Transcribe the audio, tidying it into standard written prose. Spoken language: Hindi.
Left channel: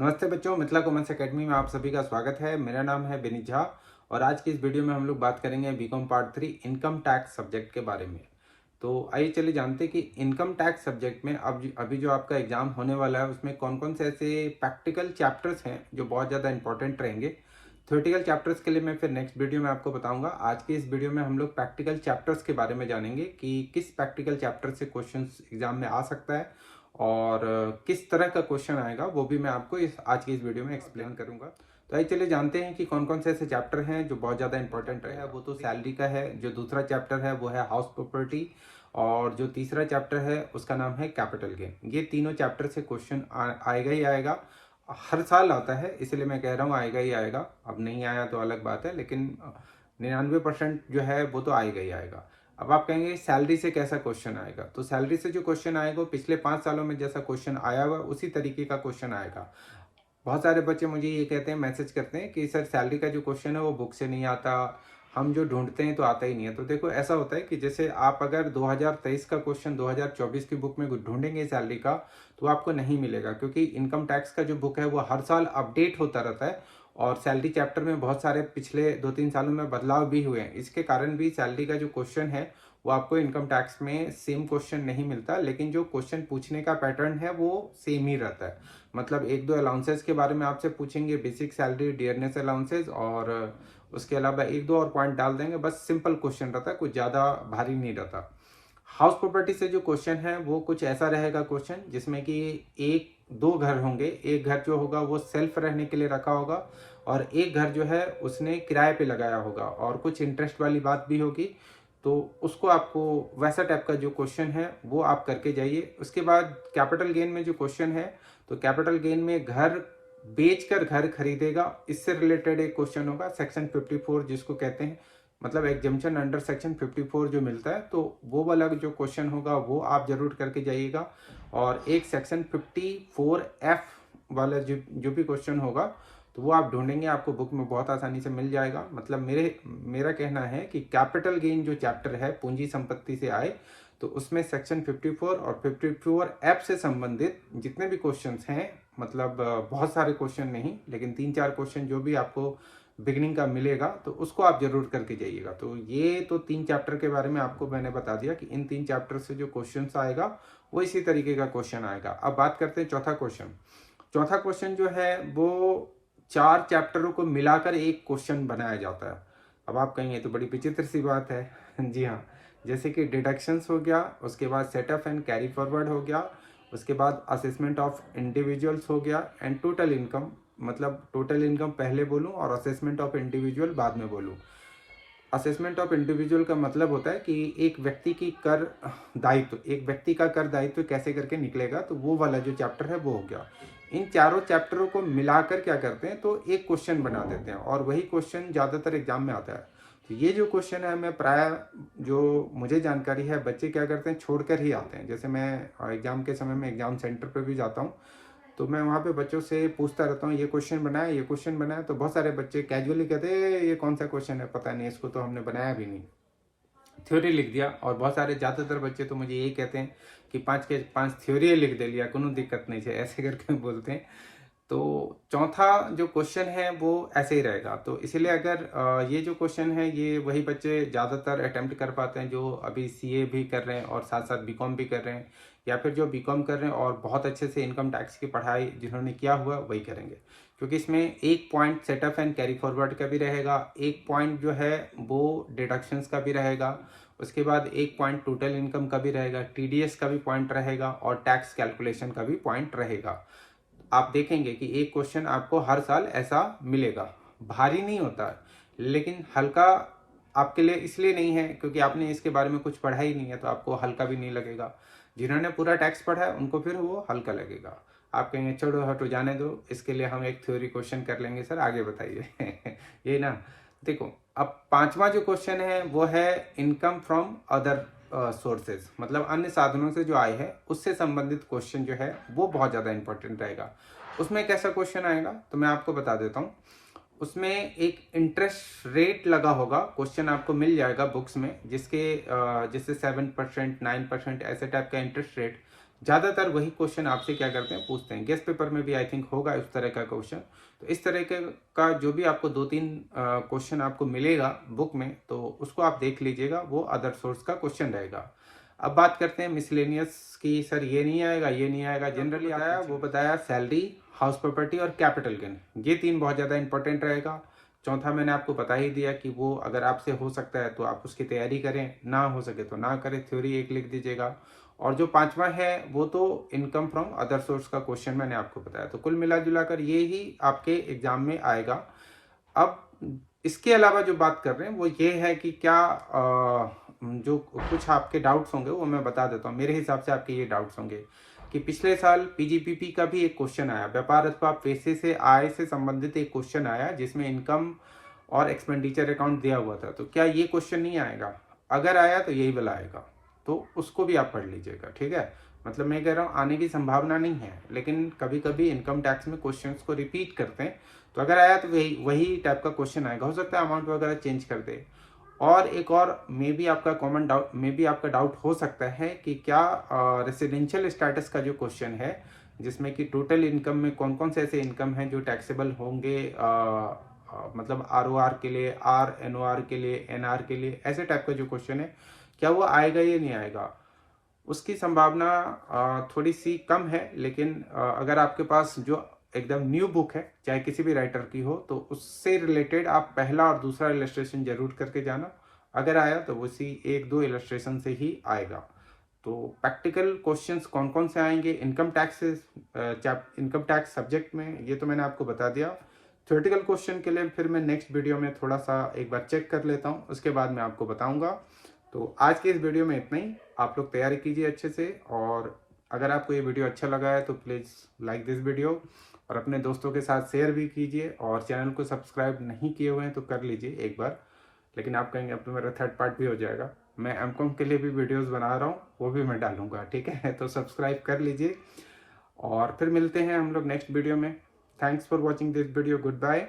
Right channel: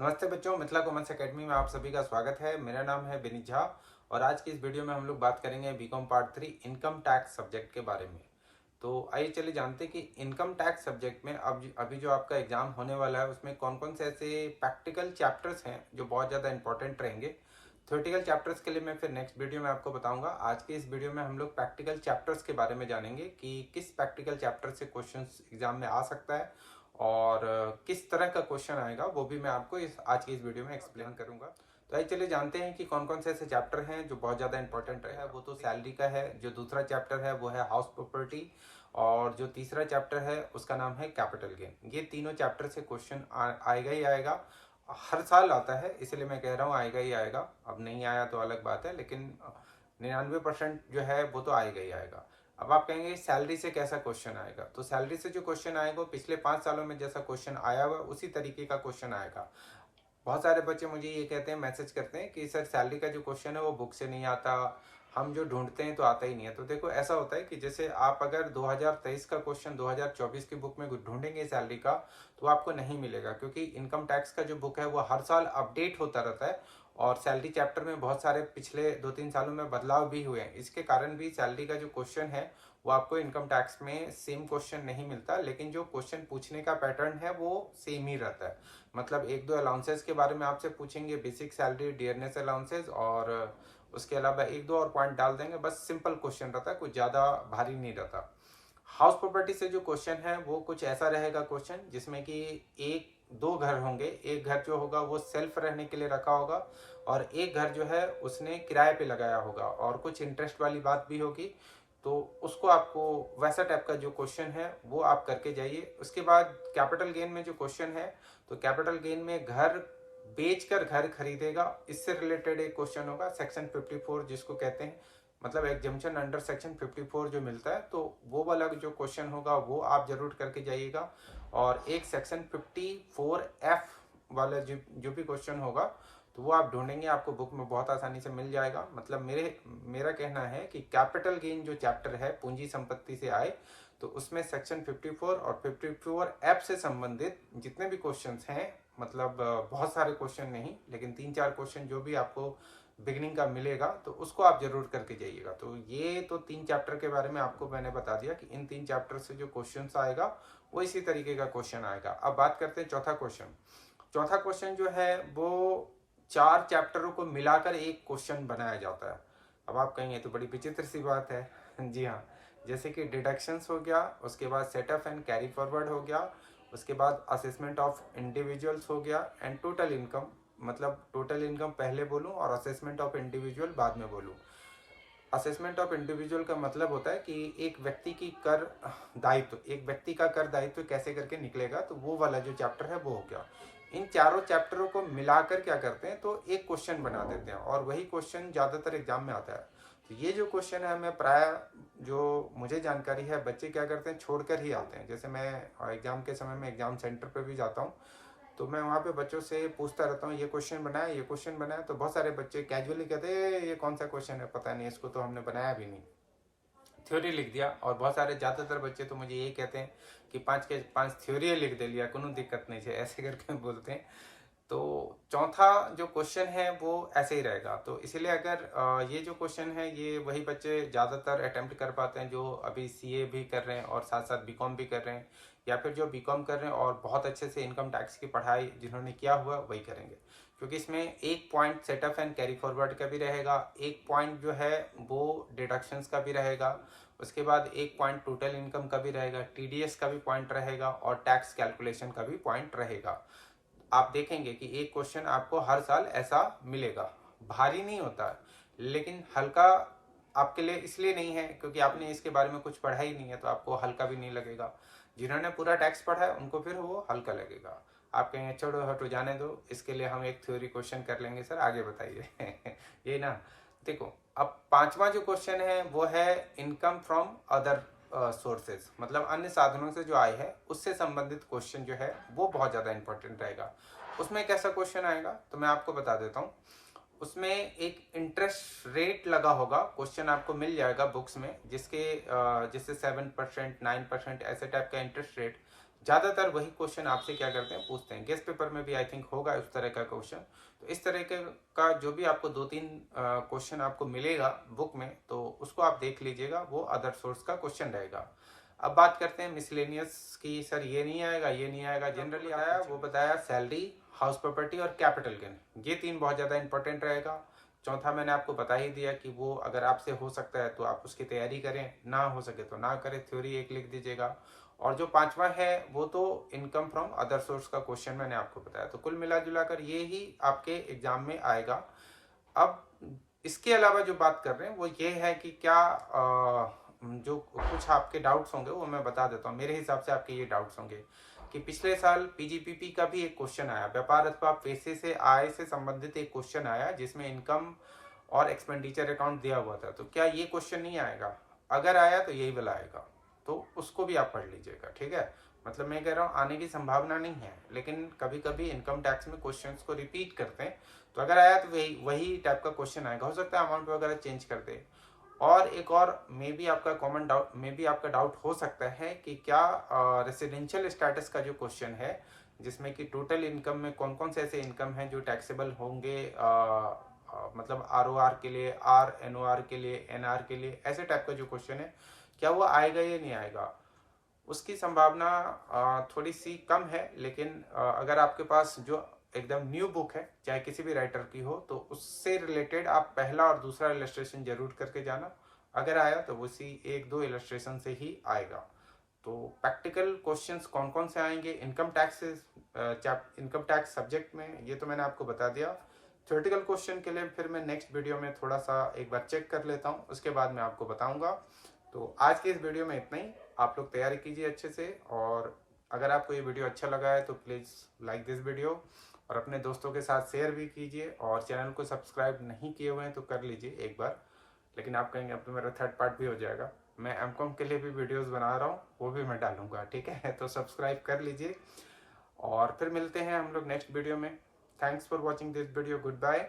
नमस्ते बच्चों, मिथिला कॉमर्स एकेडमी में आप सभी का स्वागत है। मेरा नाम है विनीत झा और आज की इस वीडियो में हम लोग बात करेंगे BCom part 3 income tax subject के बारे में। तो आइए चलिए जानते हैं कि इनकम टैक्स सब्जेक्ट में अब अभी जो आपका एग्जाम होने वाला है उसमें कौन कौन से ऐसे प्रैक्टिकल चैप्टर्स हैं जो बहुत ज़्यादा इंपॉर्टेंट रहेंगे। थ्योरेटिकल चैप्टर्स के लिए मैं फिर नेक्स्ट वीडियो में आपको बताऊंगा। आज की इस वीडियो में हम लोग प्रैक्टिकल चैप्टर्स के बारे में जानेंगे कि किस प्रैक्टिकल चैप्टर से क्वेश्चन एग्जाम में आ सकता है और किस तरह का क्वेश्चन आएगा वो भी मैं आपको आज की इस वीडियो में एक्सप्लेन करूंगा। तो आइए चलिए जानते हैं कि कौन कौन से ऐसे चैप्टर हैं जो बहुत ज़्यादा इंपॉर्टेंट है। वो तो सैलरी का है, जो दूसरा चैप्टर है वो है हाउस प्रॉपर्टी और जो तीसरा चैप्टर है उसका नाम है कैपिटल गेन। ये तीनों चैप्टर से क्वेश्चन आएगा ही आएगा, हर साल आता है, इसलिए मैं कह रहा हूँ आएगा ही आएगा। अब नहीं आया तो अलग बात है, लेकिन 99% जो है वो तो आएगा ही आएगा। अब आप कहेंगे सैलरी से कैसा क्वेश्चन आएगा, तो सैलरी से जो क्वेश्चन आएगा पिछले 5 सालों में जैसा क्वेश्चन आया हुआ उसी तरीके का क्वेश्चन आएगा। बहुत सारे बच्चे मुझे ये कहते हैं, मैसेज करते हैं कि सर सैलरी का जो क्वेश्चन है वो बुक से नहीं आता, हम जो ढूंढते हैं तो आता ही नहीं है। तो देखो ऐसा होता है कि जैसे आप अगर 2023 का क्वेश्चन 2024 की बुक में ढूंढेंगे सैलरी का तो आपको नहीं मिलेगा, क्योंकि इनकम टैक्स का जो बुक है वो हर साल अपडेट होता रहता है और सैलरी चैप्टर में बहुत सारे पिछले 2-3 सालों में बदलाव भी हुए हैं। इसके कारण भी सैलरी का जो क्वेश्चन है वो आपको इनकम टैक्स में सेम क्वेश्चन नहीं मिलता, लेकिन जो क्वेश्चन पूछने का पैटर्न है वो सेम ही रहता है। मतलब एक दो अलाउंसेस के बारे में आपसे पूछेंगे, बेसिक सैलरी, डियरनेस अलाउंसेस, और उसके अलावा एक दो और पॉइंट डाल देंगे। बस सिंपल क्वेश्चन रहता है, कुछ ज्यादा भारी नहीं रहता। हाउस प्रॉपर्टी से जो क्वेश्चन है वो कुछ ऐसा रहेगा क्वेश्चन जिसमें कि एक दो घर होंगे। एक घर जो होगा वो सेल्फ रहने के लिए रखा होगा और एक घर जो है उसने किराए पे लगाया होगा और कुछ इंटरेस्ट वाली बात भी होगी। तो उसको आपको वैसा टाइप का जो क्वेश्चन है वो आप करके जाइए। उसके बाद कैपिटल गेन में जो क्वेश्चन है, तो कैपिटल गेन में घर बेचकर घर खरीदेगा, इससे रिलेटेड एक क्वेश्चन होगा। सेक्शन 54 जिसको कहते हैं, मतलब एग्जम्पशन अंडर सेक्शन 54 जो मिलता है, तो वो वाला जो क्वेश्चन होगा वो आप जरूर करके जाइएगा। और एक सेक्शन 54F वाला जो भी क्वेश्चन होगा तो वो आप ढूंढेंगे, आपको बुक में बहुत आसानी से मिल जाएगा। मतलब मेरा कहना है कि कैपिटल गेन जो चैप्टर है पूंजी संपत्ति से आए, तो उसमें सेक्शन 54 और 54F से संबंधित जितने भी क्वेश्चंस हैं, मतलब बहुत सारे क्वेश्चन नहीं लेकिन 3-4 क्वेश्चन जो भी आपको बिगनिंग का मिलेगा तो उसको आप जरूर करके जाइएगा। तो ये तो 3 चैप्टर के बारे में आपको मैंने बता दिया कि इन 3 चैप्टर से जो क्वेश्चन आएगा वो इसी तरीके का क्वेश्चन आएगा। अब बात करते हैं चौथा क्वेश्चन। चौथा क्वेश्चन जो है वो 4 चैप्टरों को मिलाकर एक क्वेश्चन बनाया जाता है। अब आप कहेंगे तो बड़ी विचित्र सी बात है। जी हाँ, जैसे कि डिडक्शंस हो गया, उसके बाद सेटअप एंड कैरी फॉरवर्ड हो गया, उसके बाद असेसमेंट ऑफ इंडिविजुअल्स हो गया एंड टोटल इनकम। मतलब टोटल इनकम पहले बोलूं और असेसमेंट ऑफ इंडिविजुअल बाद में बोलूं। असेसमेंट ऑफ इंडिविजुअल का मतलब होता है कि एक व्यक्ति की कर दायित्व, एक व्यक्ति का कर दायित्व कैसे करके निकलेगा, तो वो वाला जो चैप्टर है वो हो गया। इन चारों चैप्टरों को मिलाकर क्या करते हैं, तो एक क्वेश्चन बना देते हैं और वही क्वेश्चन ज्यादातर एग्जाम में आता है। तो ये जो क्वेश्चन है, मैं प्राय जो मुझे जानकारी है बच्चे क्या करते हैं छोड़कर ही आते हैं। जैसे मैं एग्जाम के समय में एग्जाम सेंटर पर भी जाता हूँ तो मैं वहाँ पे बच्चों से पूछता रहता हूँ, ये क्वेश्चन बनाया, ये क्वेश्चन बनाया। तो बहुत सारे बच्चे कैजुअली कहते हैं ये कौन सा क्वेश्चन है, पता नहीं, इसको तो हमने बनाया भी नहीं, थ्योरी लिख दिया। और बहुत सारे ज्यादातर बच्चे तो मुझे यही कहते हैं कि 5 के 5 थ्योरी लिख दे लिया, कोनो दिक्कत नहीं है, ऐसे करके बोलते हैं। तो चौथा जो क्वेश्चन है वो ऐसे ही रहेगा। तो इसीलिए अगर ये जो क्वेश्चन है ये वही बच्चे ज्यादातर अटेम्प्ट कर पाते हैं जो अभी सीए भी कर रहे हैं और साथ साथ बीकॉम भी कर रहे हैं, या फिर जो बीकॉम कर रहे हैं और बहुत अच्छे से इनकम टैक्स की पढ़ाई जिन्होंने किया हुआ वही करेंगे। क्योंकि इसमें एक point setup and carry forward का भी रहेगा, एक पॉइंट जो है वो डिडक्शंस का भी रहेगा, उसके बाद एक पॉइंट टोटल इनकम का भी रहेगा, टीडीएस का भी पॉइंट रहेगा और टैक्स कैलकुलेशन का भी पॉइंट रहेगा। आप देखेंगे कि एक क्वेश्चन आपको हर साल ऐसा मिलेगा। भारी नहीं होता लेकिन हल्का आपके लिए इसलिए नहीं है क्योंकि आपने इसके बारे में कुछ पढ़ा ही नहीं है, तो आपको हल्का भी नहीं लगेगा। जिन्होंने पूरा टैक्स पढ़ा है उनको फिर वो हल्का लगेगा। आप कहेंगे छोड़ो हटो जाने दो, इसके लिए हम एक थ्योरी क्वेश्चन कर लेंगे। सर आगे बताइए। ये ना, देखो अब पांचवा जो क्वेश्चन है वो है इनकम फ्रॉम अदर सोर्सेज, मतलब अन्य साधनों से जो आय है उससे संबंधित क्वेश्चन जो है वो बहुत ज्यादा इंपॉर्टेंट रहेगा। उसमें कैसा क्वेश्चन आएगा तो मैं आपको बता देता हूँ। उसमें एक इंटरेस्ट रेट लगा होगा, क्वेश्चन आपको मिल जाएगा बुक्स में, जिसके जिससे 7%, 9% ऐसे टाइप का इंटरेस्ट रेट। ज़्यादातर वही क्वेश्चन आपसे क्या करते हैं, पूछते हैं। गेस्ट पेपर में भी आई थिंक होगा इस तरह का क्वेश्चन। तो इस तरह का जो भी आपको 2-3 क्वेश्चन आपको मिलेगा बुक में, तो उसको आप देख लीजिएगा, वो अदर सोर्स का क्वेश्चन रहेगा। अब बात करते हैं मिसलेनियस की। सर ये नहीं आएगा, ये नहीं आएगा। जनरली आया वो बताया सैलरी, हाउस प्रॉपर्टी और कैपिटल गेन, ये 3 बहुत ज़्यादा इंपॉर्टेंट रहेगा। चौथा मैंने आपको बता ही दिया कि वो अगर आपसे हो सकता है तो आप उसकी तैयारी करें, ना हो सके तो ना करें, थ्योरी एक लिख दीजिएगा। और जो 5वां है वो तो इनकम फ्रॉम अदर सोर्स का क्वेश्चन मैंने आपको बताया। तो कुल मिला जुला कर ये ही आपके एग्जाम में आएगा। अब इसके अलावा जो बात कर रहे हैं वो ये है कि क्या जो कुछ आपके डाउट्स होंगे वो मैं बता देता हूँ। मेरे हिसाब से आपके ये डाउट्स होंगे कि पिछले साल पीजीपीपी का भी एक क्वेश्चन आया, व्यापार अथवा पैसे से आय से संबंधित एक क्वेश्चन आया जिसमें इनकम और एक्सपेंडिचर अकाउंट दिया हुआ था। तो क्या ये क्वेश्चन नहीं आएगा? अगर आया तो यही वाला आएगा, तो उसको भी आप पढ़ लीजिएगा, ठीक है। मतलब मैं कह रहा हूँ आने की संभावना नहीं है, लेकिन कभी कभी इनकम टैक्स में क्वेश्चंस को रिपीट करते हैं। तो अगर आया तो वही टाइप का क्वेश्चन आएगा। हो सकता है अमाउंट वगैरह चेंज कर दे। और एक और मे बी आपका कॉमन डाउट, मे बी आपका डाउट हो सकता है कि क्या रेसिडेंशियल स्टेटस का जो क्वेश्चन है, जिसमें कि टोटल इनकम में कौन कौन से ऐसे इनकम हैं जो टैक्सेबल होंगे, मतलब आरओआर के लिए, आर एनओआर के लिए, एनआर के लिए, ऐसे टाइप का जो क्वेश्चन है, क्या वो आएगा या नहीं आएगा? उसकी संभावना थोड़ी सी कम है। लेकिन अगर आपके पास जो एकदम न्यू बुक है, चाहे किसी भी राइटर की हो, तो उससे रिलेटेड आप पहला और दूसरा इलस्ट्रेशन जरूर करके जाना। अगर आया तो उसी 1-2 इलस्ट्रेशन से ही आएगा। तो प्रैक्टिकल क्वेश्चंस कौन कौन से आएंगे इनकम टैक्स सब्जेक्ट में, ये तो मैंने आपको बता दिया। थ्योरेटिकल क्वेश्चन के लिए फिर मैं नेक्स्ट वीडियो में थोड़ा सा एक बार चेक कर लेता हूँ, उसके बाद मैं आपको बताऊंगा। तो आज के इस वीडियो में इतना ही। आप लोग तैयारी कीजिए अच्छे से, और अगर आपको ये वीडियो अच्छा लगा है तो प्लीज़ लाइक दिस वीडियो और अपने दोस्तों के साथ शेयर भी कीजिए। और चैनल को सब्सक्राइब नहीं किए हुए हैं तो कर लीजिए एक बार। लेकिन आप कहेंगे अब तो मेरा 3rd पार्ट भी हो जाएगा। मैं एमकॉम के लिए भी वीडियोस बना रहा हूँ, वो भी मैं डालूंगा, ठीक है। तो सब्सक्राइब कर लीजिए और फिर मिलते हैं हम लोग नेक्स्ट वीडियो में। Thanks for watching this video. Good bye.